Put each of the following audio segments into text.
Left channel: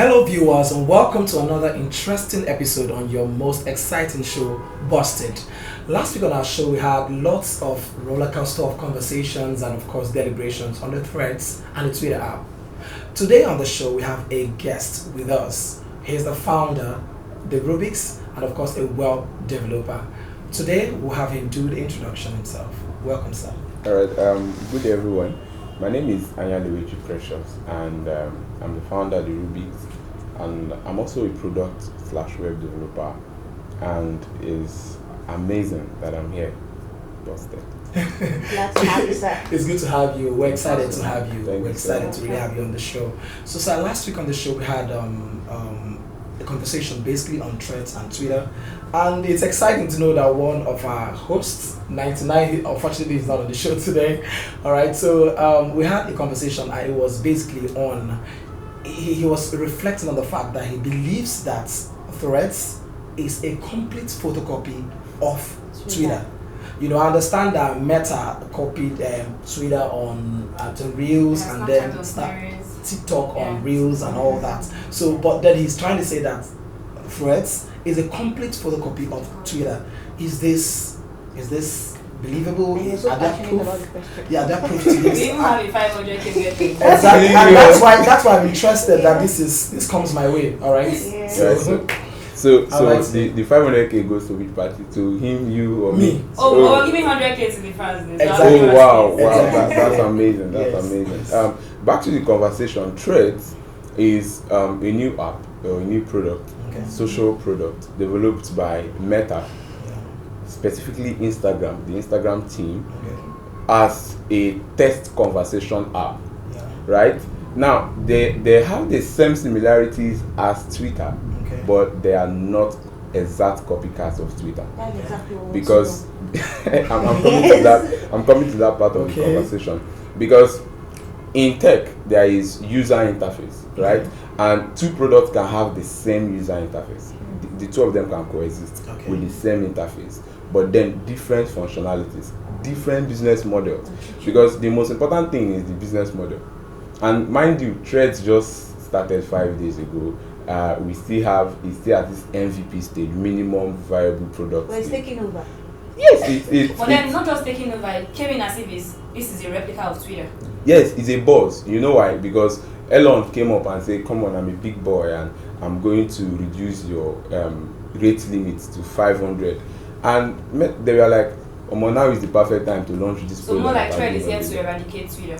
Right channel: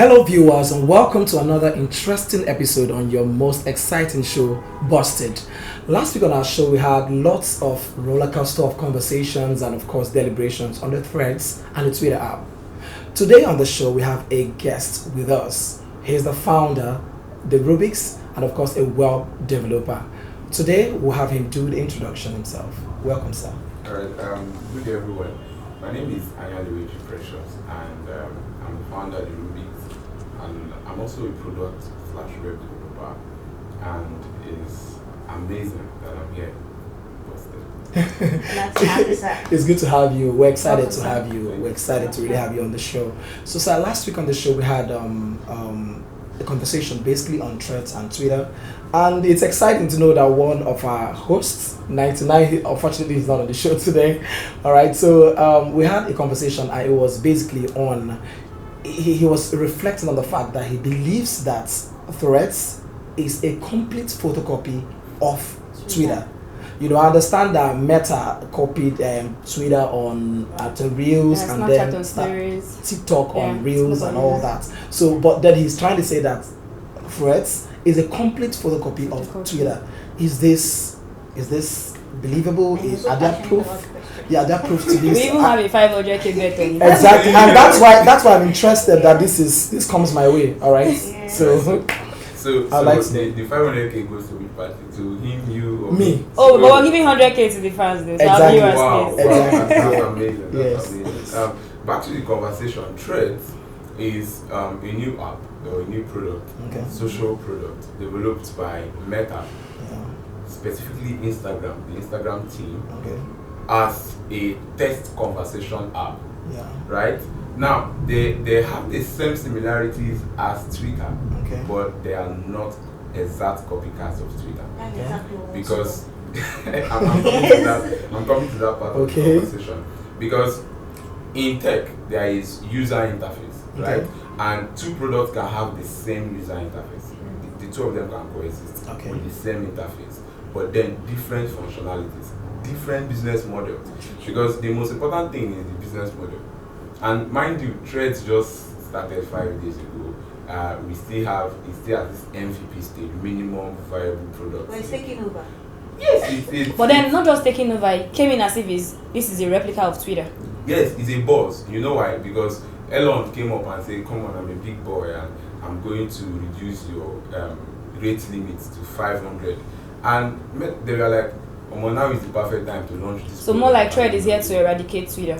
Hello, viewers, and welcome to another interesting episode on your most exciting show, Busted. Last week on our show, we had lots of rollercoaster of conversations and, of course, deliberations on the Threads and the Twitter app. Today on the show, we have a guest with us. He's the founder, the Rubik's, and, of course, a web developer. Today, we'll have him do the introduction himself. Welcome, sir. All right. Good day, everyone. My name is Anyaliwechi Precious, and I'm the founder of the Rubik's, and I'm also a product/web developer, and it's amazing that I'm here. Busted. Glad to have you, sir. It's good to have you. We're excited to have you. Thank We're you. excited to really have you on the show. So, sir, last week on the show, we had a conversation basically on Threads and Twitter. And it's exciting to know that one of our hosts, 99, unfortunately is not on the show today. All right, so we had a conversation and it was basically on, he was reflecting on the fact that he believes that Threads is a complete photocopy of Twitter. You know, I understand that Meta copied Twitter on the Reels and then TikTok on Reels and all that. So, but then he's trying to say that Threads is a complete photocopy of Twitter. Is this believable? Are there proof? Yeah, there proof to this. We even have a 500k getting. Exactly, and that's why I'm interested that this comes my way. All right. Yeah. So like the 500k goes to which party? To him, you, or me? Oh, but we're giving 100k to the fans. Exactly. Wow, Exactly. that's amazing. That's Yes. amazing. Back to the conversation. Threads is a new app or a new product, social product developed by Meta, specifically Instagram, the Instagram team, as a text conversation app. Right? Now, they have the same similarities as Twitter, but they are not exact copycats of Twitter. That's exactly what Because I'm coming to that part of the conversation. Because in tech, there is user interface, right? And two products can have the same user interface. The two of them can coexist with the same interface, but then different functionalities, different business models. Because the most important thing is the business model. And mind you, Threads just started 5 days ago. It's still at this MVP stage, minimum viable product. But it's taking over. Yes, But then not just taking over, it came in as if this is a replica of Twitter. Yes, it's a buzz. You know why? Because Elon came up and said, "Come on, I'm a big boy and I'm going to reduce your rate limits to 500." And they were like, now is the perfect time to launch this. So more like Thread is here to eradicate Twitter.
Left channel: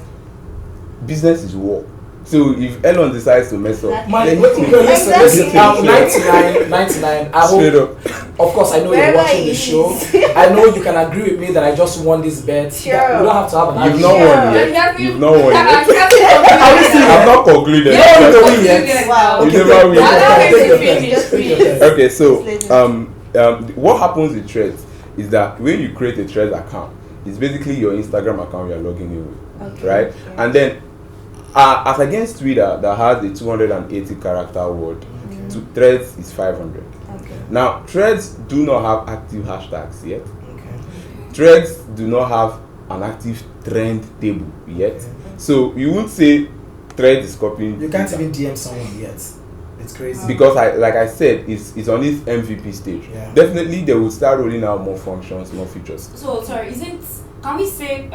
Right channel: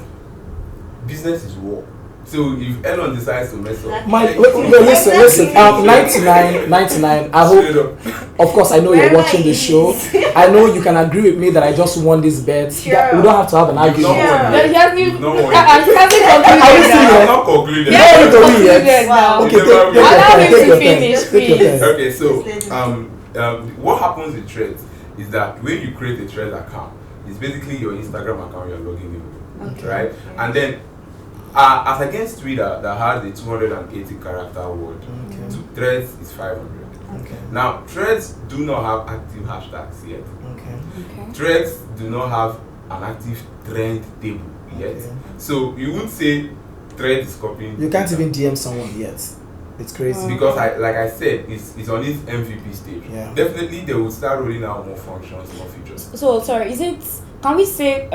Business is war. So if Elon decides to mess up, listen, 99, I hope, of course, I know you're watching the show. I know you can agree with me that I just won this bet. Sure. We don't have to have an argument. You've not won. I'm not concluded. You don't need to win yet. Wow. Okay, take your time. Okay, so what happens with Threads is that when you create a Threads account, it's basically your Instagram account you're logging in with, right? Yeah. And then as against Twitter that has a 280 character word, Threads is 500. Now, Threads do not have active hashtags yet. Threads do not have an active trend table yet. So you won't say Threads is copying. You can't even DM someone yet. It's crazy. Because like I said, it's on this MVP stage. Definitely they will start rolling out more functions, more features. So sorry, can we say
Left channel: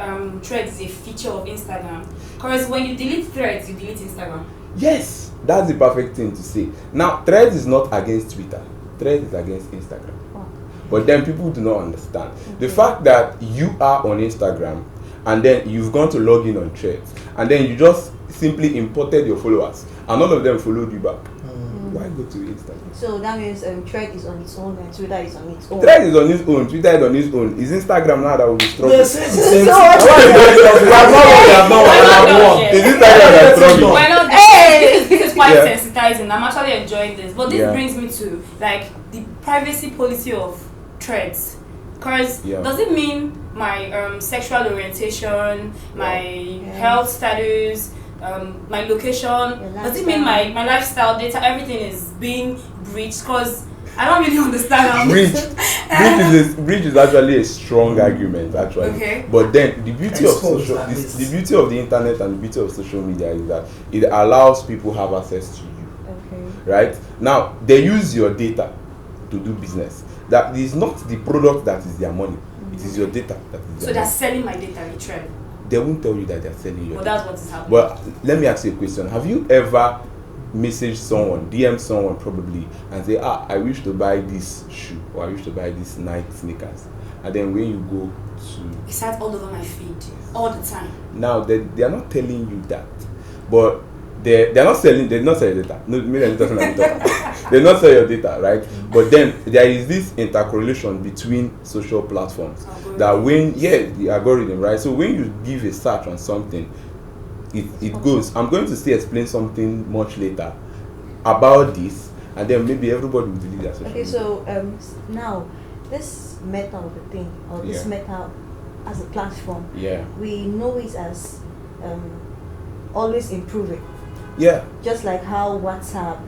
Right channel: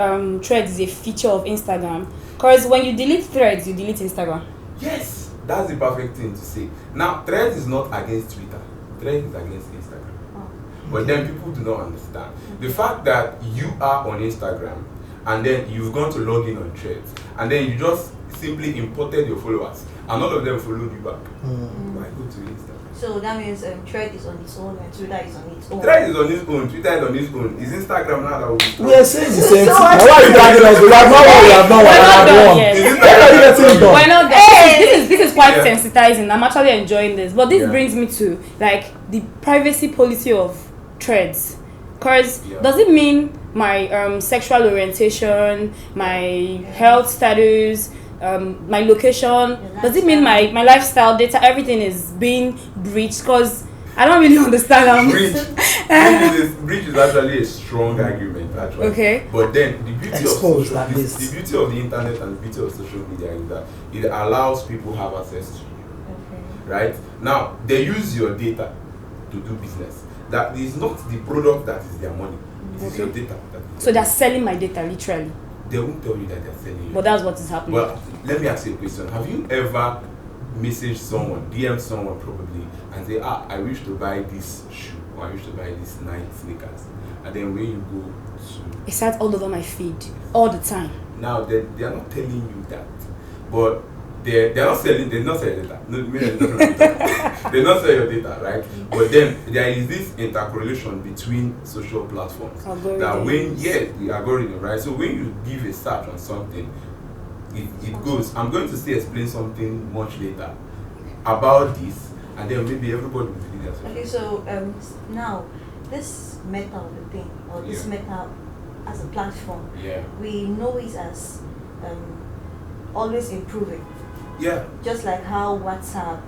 Threads is a feature of Instagram? Because when you delete Threads, you delete Instagram. Yes, that's the perfect thing to say. Now, Threads is not against Twitter. Threads is against Instagram. But then people do not understand. The fact that you are on Instagram and then you've gone to log in on Threads and then you just simply imported your followers and all of them followed you back. Why go to Instagram? So that means Thread is on its own and Twitter is on its own. Thread is on its own, Twitter is on its own. Is Instagram now that will be strong? Yes, it's the same thing. Why are you dragging us? We have not won. Is Instagram Why not? This is quite sensitizing. I'm actually enjoying this. But this brings me to like the privacy policy of Threads. Because does it mean my sexual orientation, my health status, my location, does it mean my lifestyle data, everything is being breached? Because I don't really understand. Breach is actually a strong argument, actually. Okay. But then the beauty of the internet and the beauty of social media is that it allows people have access to you. right? Now they use your data to do business. That is not the product that is their money. It is your data that is So their they're selling my data literally. They won't tell you that they're selling you. But that's what is happening. Well, let me ask you a question. Have you ever messaged someone, DM someone probably, and say, I wish to buy this shoe, or I wish to buy this Nike sneakers, and then when you go to... It starts all over my feed, all the time. Now, they are not telling you that, but they're not selling your data. No, they're not selling your data, right? But then there is this intercorrelation between social platforms. Algorithm. That when, the algorithm, right? So when you give a search on something, it goes. I'm going to explain something much later about this, and then maybe everybody will delete that. Okay, so now this Meta of the thing, or this Meta as a platform, we know it as always improving. Yeah. Just like how WhatsApp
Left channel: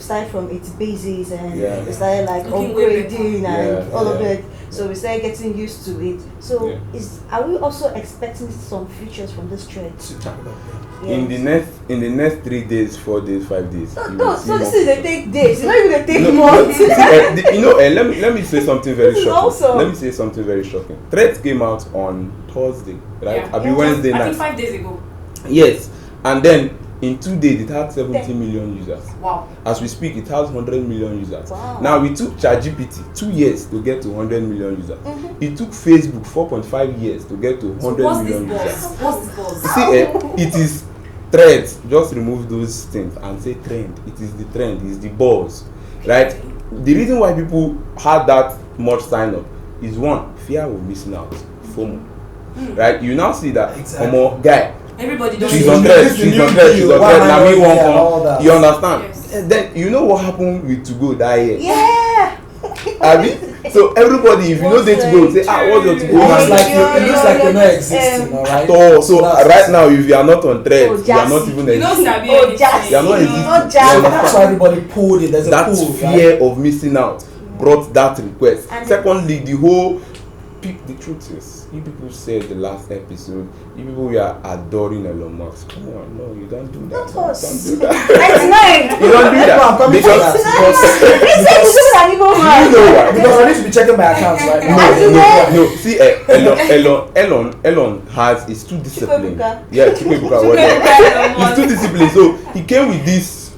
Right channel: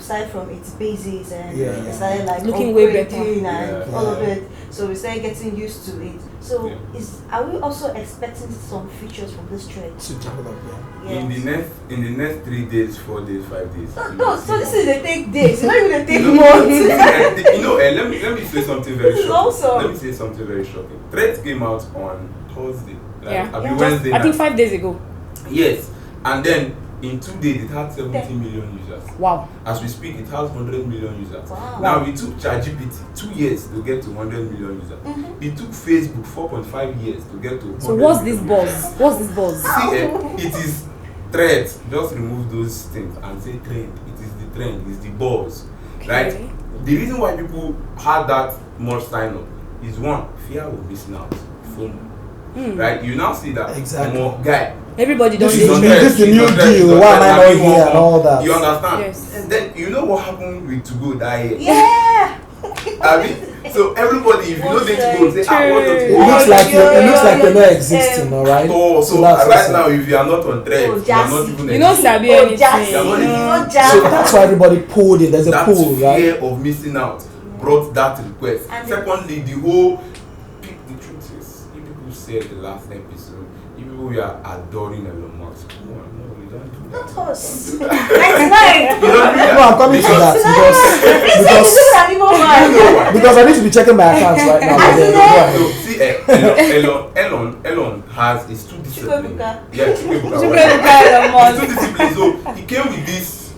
started from its basis and it started like looking upgrading and all of it. So we started getting used to it. So are we also expecting some features from this trend to jump it up? Yes. In the next 3 days, 4 days, 5 days. So this is they take days. It's not even they take months. Let me say something very shocking. Also, let me say something very shocking. Threads came out on Thursday, right? Wednesday night. I think 5 days ago. Yes, and then in 2 days it had 70 million users. Wow. As we speak, it has 100 million users. Wow. Now we took ChatGPT 2 years to get to 100 million users. It took Facebook 4.5 years to get to 100 million users. What's this buzz? See, it is Threads. Just remove those things and say trend. It is the trend. It is the buzz, right? The reason why people had that much sign up is one, fear of missing out, FOMO, right? You now see that guy. Everybody This does is the new deal. Why am I not here and all that? You understand? Yes. And then you know what happened with To Go that year? yeah. I mean, so everybody, if you know they To Go, say, what's your To It Go? looks like you're not existing, alright? So right now, if you are not on Threads, you are not even you don't existing. sabi anything. You are not existing. So that's why everybody pulled it. There's a That pull, fear right? of missing out brought that request. And Secondly, the truth is, you people said the last episode, you people were adoring Elon Musk. Come on, no, you don't do that. Not us. Don't do that. 99. You don't do that. No, I'm coming to that because I need to be checking my accounts right now. No, see, Elon is too disciplined. Chukwuebuka. Yeah, Chukwuebuka. He's too disciplined. So he came with this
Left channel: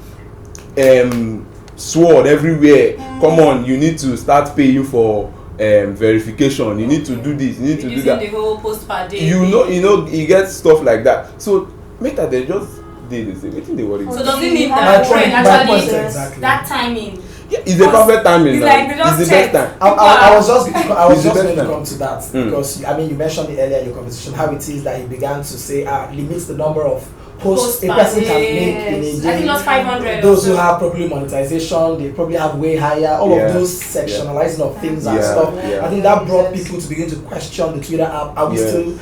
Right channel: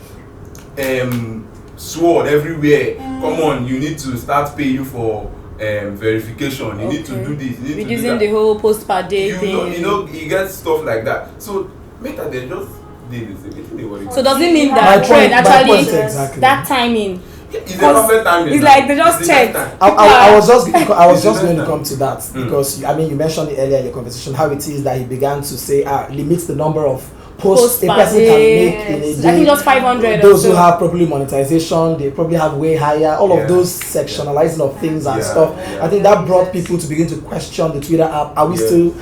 sword everywhere. Come on, you need to start paying for verification. You need to do this. You need to do Reducing that. the whole post per day. You get stuff like that. So Meta, they just did the same. I think they worry. So does it mean My that trend point actually exactly. that timing? Yeah, it's a perfect timing. It's now. like they just It's the best checked. time. I was just It's going to the come to that because you mentioned it earlier in your conversation how it is that he began to say limits the number of posts a person can make in a I think day. just 500. Those who have probably monetization, they probably have way higher. All of those sectionalizing of things and stuff. Yeah. I think that brought people to begin to question the Twitter app. Are we still?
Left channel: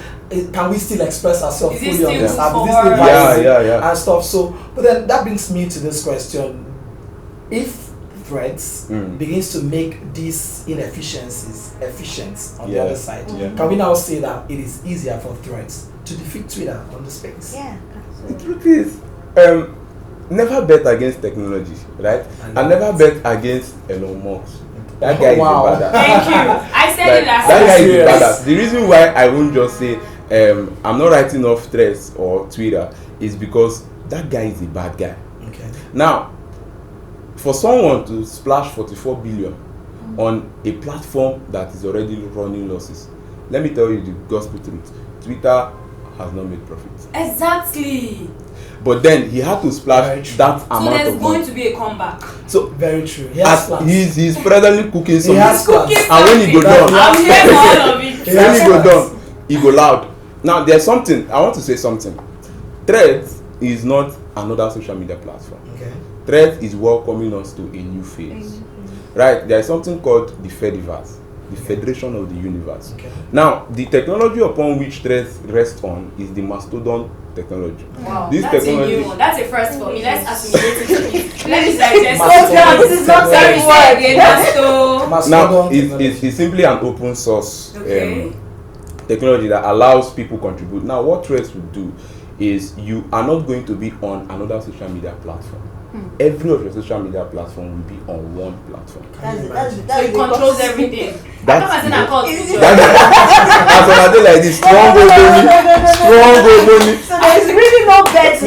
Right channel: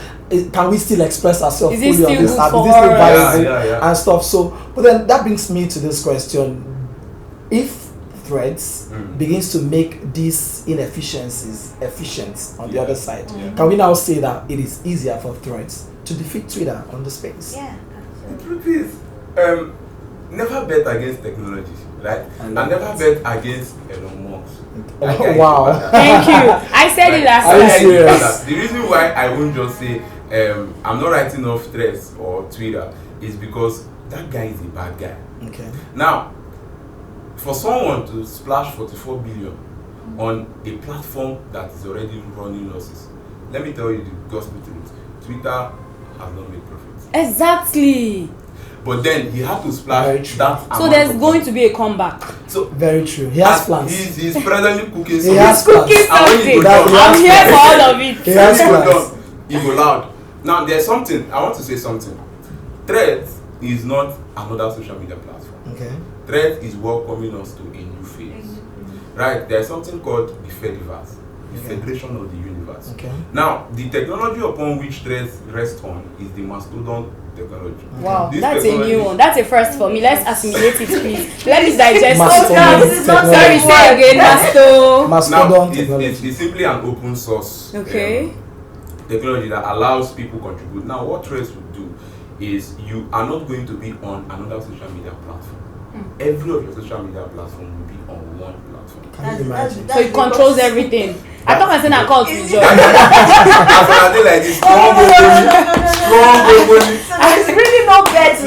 Can we still express ourselves Is it fully on still this app? for Is this still us? viable and stuff? So, but then that brings me to this question: if Threads begins to make these inefficiencies efficient on the other side, can we now say that it is easier for Threads to defeat Twitter on the space? Yeah. The truth is, never bet against technology, right? And never bet against Elon Musk. That guy is a badass. Thank you. I said it last Are you That guy is a serious? badass. The reason why I won't just say I'm not writing off Threads or Twitter is because that guy is a bad guy. Okay. Now, for someone to splash 44 billion on a platform that is already running losses, let me tell you the gospel truth. Twitter has not made profits. Exactly. But then he had to splash that amount. So there's of going money. to be a comeback. So Very true. He has plans. he's presently cooking He something. has plans. And when he go down, I'm here for all of it. He when has he go plans. down, he go loud. Now there's something I want to say something. Threads is not another social media platform. Okay. Threads is welcoming us to a new phase. Right? There is something called the Fediverse, the Federation of the Universe. Okay. Now, the technology upon which Threads rests on is the Mastodon technology. Wow, This that's technology- a new one. That's a first for me. Let's assimilate it, please. Let me digest. Mastodon This is not technology. sorry. Say again, Masto. Now, Mastodon it's technology. simply an open source Okay. technology that allows people contribute. Now, what Threads would do is you are not going to be on another social media platform. every of your social media platform will be on one platform. So it controls everything. I thought I said I called you. As I say like this, strong money. So there's really no bet.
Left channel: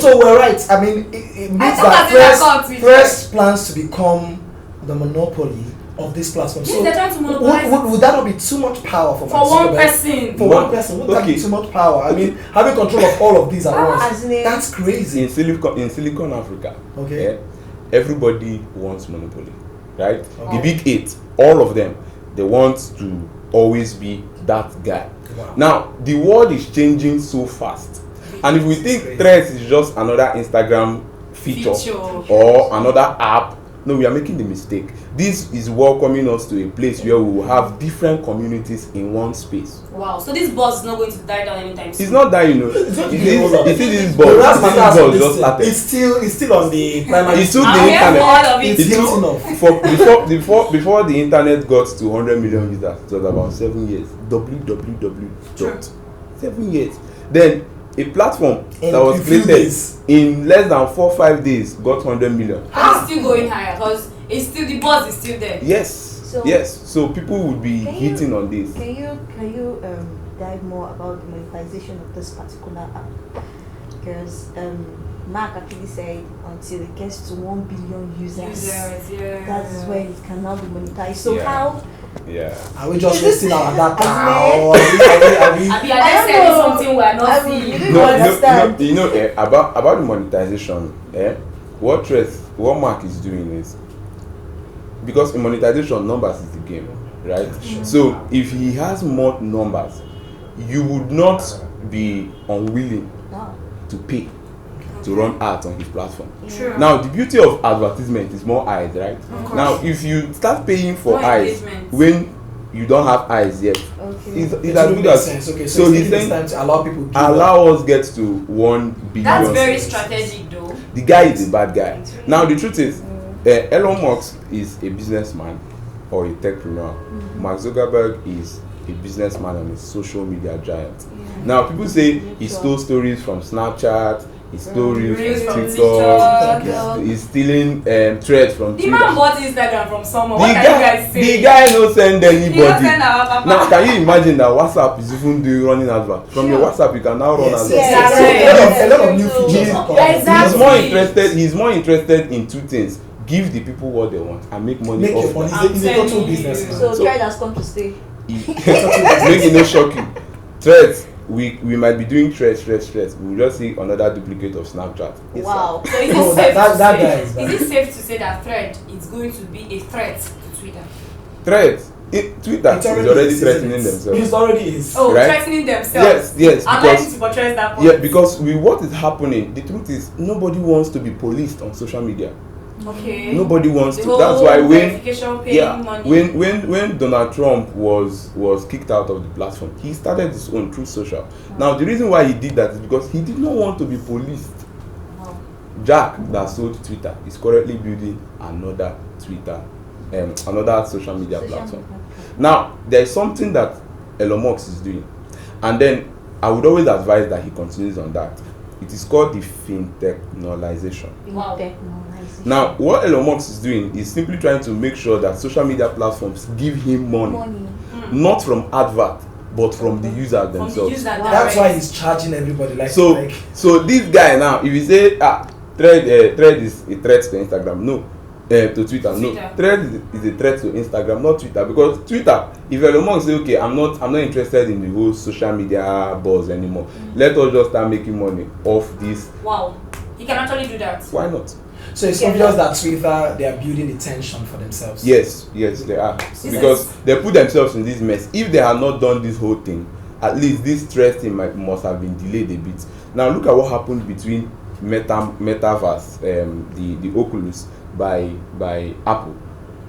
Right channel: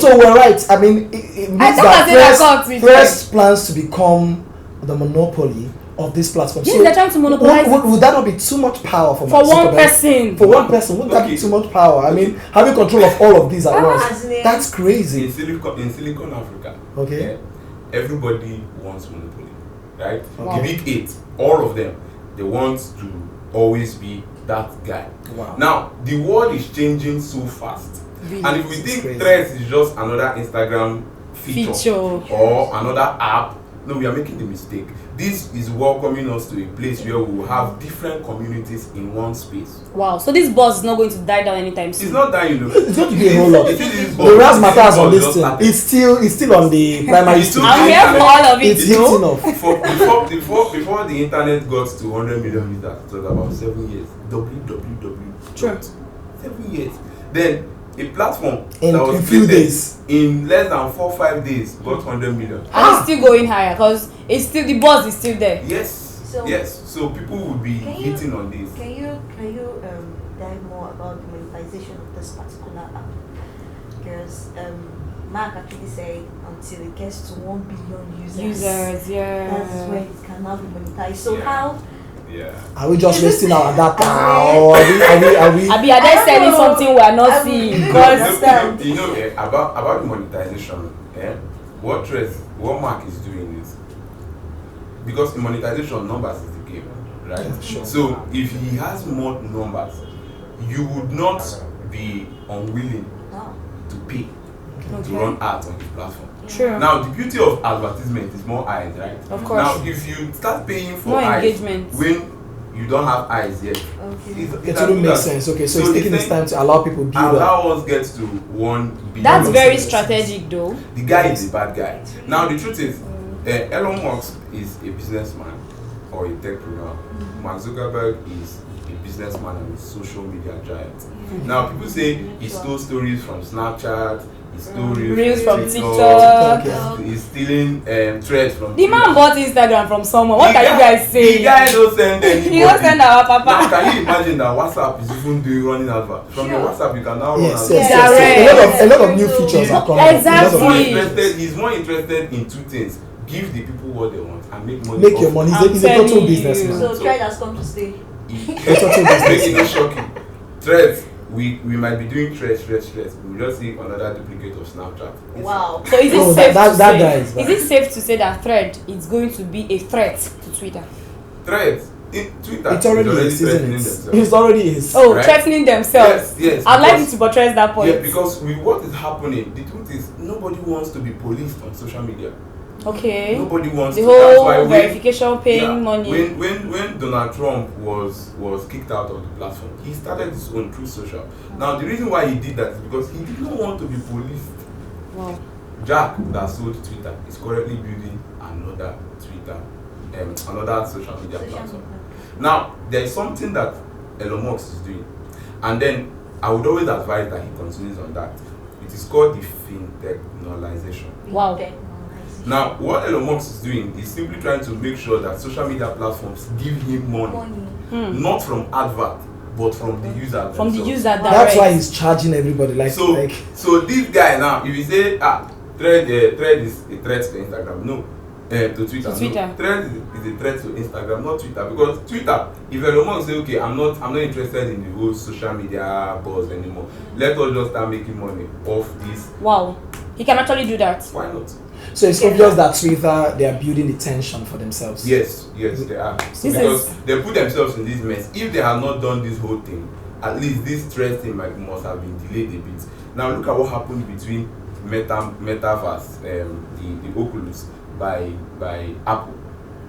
So we're right. I mean, it means that Threads plans to become the monopoly of this platform. Yes, so they're trying to monopolize. Would that not be too much power for one person? For one person, wouldn't that be too much power? I mean, having control of all of these at once, that's crazy. In Silicon Africa, everybody wants monopoly, right? The big 8, all of them, they want to always be that guy. Wow. Now, the world is changing so fast, and if we think Threads is just another Instagram feature or another app, no, we are making the mistake. This is welcoming us to a place where we will have different communities in one space. Wow, so this buzz is not going to die down anytime soon. It's not dying, It's going to be a whole lot. The razzmatazz on this thing, it's still on the primary. It's still hitting off. Before the internet got to 100 million visitors, it was about 7 years. www. 7 years. Then a platform that was created in less than 4-5 days got 100 million. And it's still going higher because it's still the buzz is still there. Yes. So people would be hitting on this. Can you dive more about the monetization of this particular app? Because Mark actually said until it gets to 1 billion users, that is when it can now be monetized. So how? Yeah. Are we just wasting our data, or are we? Are they selling something we are not seeing? About the monetization, what Mark is doing is, because in monetization, numbers is the game, right? Sure. So if he has more numbers, you would not be unwilling to pay to run ads on his platform. True. Now the beauty of advertisement is more eyes, right? Of course. Now if you start paying for more eyes when you don't have eyes yet, it doesn't make sense. Okay, so it's taking this time to allow people allow us get to 1 billion. That's very strategic though. The guy is a bad guy. Now the truth is, Elon Musk is a businessman or a techpreneur. Mark Zuckerberg is a businessman and a social media giant. Now people say he stole stories from Snapchat, he stole reels from TikTok, he's stealing threads from the man bought Instagram from someone. What are you guys saying? The guy no send anybody. He don't send our papa. Now can you imagine that WhatsApp is even doing running advert? From your WhatsApp you can now run advert. A lot of new features are coming. Exactly. He's more interested in two things: give the people what they want and make money. Make your money. He's a total businessman. So Thread has come to stay. Make it no shocking. Threads. We might be doing threads. We will just see another duplicate of Snapchat. Wow. So is it safe to say that Thread is going to be a threat to Twitter? Threads? Twitter is already threatening themselves. It already is. Oh, right? Threatening themselves. Yes. I'd like you to portray that point. Yeah, because with what is happening, the truth is nobody wants to be policed on social media. Okay. Nobody wants the to. Whole That's why verification paying money. When Donald Trump was kicked out of the platform, he started his own through social. Now the reason why he did that is because he did not want to be policed. Wow. Jack that sold Twitter is currently building another another social media platform. Now there is something that Elon Musk is doing, and then I would always advise that he continues on that. It is called the fintechnologization. Wow. Now, what Elon Musk is doing is simply trying to make sure that social media platforms give him money. Not from advert, but from the user themselves. That's why he's charging everybody. So this guy now, if you say Thread is a threat to Instagram, no, to Twitter. No, Thread is a threat to Instagram, not Twitter, because Twitter, if Elon Musk say, okay, I'm not interested in the whole social media buzz anymore. Let us just start making money off this. Wow, he can actually do that. Why not? So it's obvious that Twitter, they are building the tension for themselves. Yes, they are. Because they put themselves in this mess. If they had not done this whole thing, at least this threat thing must have been delayed a bit. Now look at what happened between Metaverse, the Oculus by Apple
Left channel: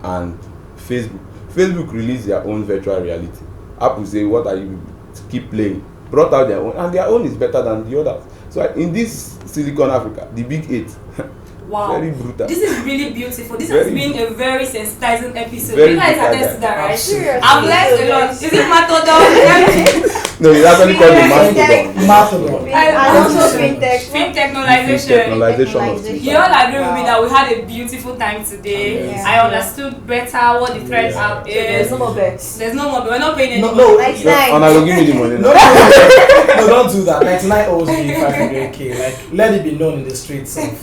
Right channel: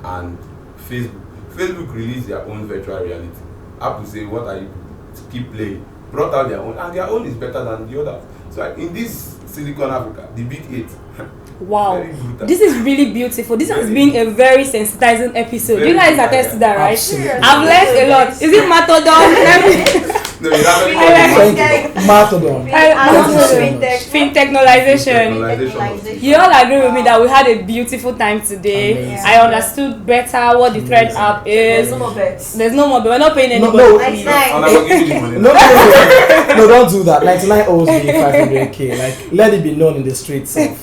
and Facebook. Facebook released their own virtual reality. Apple say, what are you keep playing? Brought out their own, and their own is better than the others. So in this Silicon Africa, the big 8. Wow, very brutal. This is really beautiful. This has been a very sensitizing episode. You guys attest to that, right? Absolutely. I've learned a lot. Is it Matodon? No, you actually call it Mastodon. Fintechnologization. You all agree with me that we had a beautiful time today. Amazing. I understood better what the Thread app is. There's no more bets. There's no more, but we're not paying any No, money. And I will give you the money. No, don't do that. 99 owes me 500k. Like, let it be known in the streets of.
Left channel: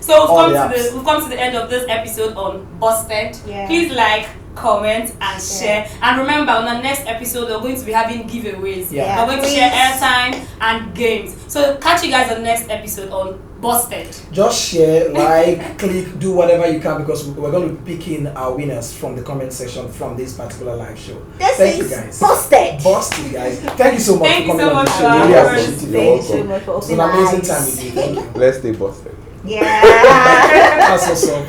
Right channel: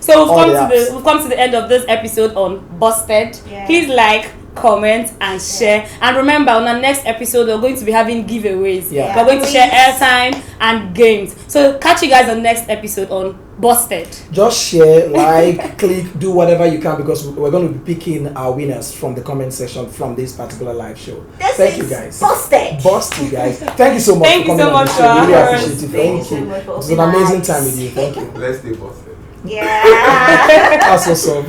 So we've come to the end of this episode on Busted. Yeah. Please like, comment, and share. And remember, on our next episode, we're going to be having giveaways. Yeah. We're going to share airtime and games. So catch you guys on next episode on Busted. Just share, like, click, do whatever you can, because we're going to be picking our winners from the comment section from this particular live show. Thank you guys. Busted, you guys. Thank you so much Thank for you coming so on much the show. for Really having appreciate us. it. Thank you so much for It was an amazing time with you. Thank you. Let's stay busted. Yeah. That's what's up.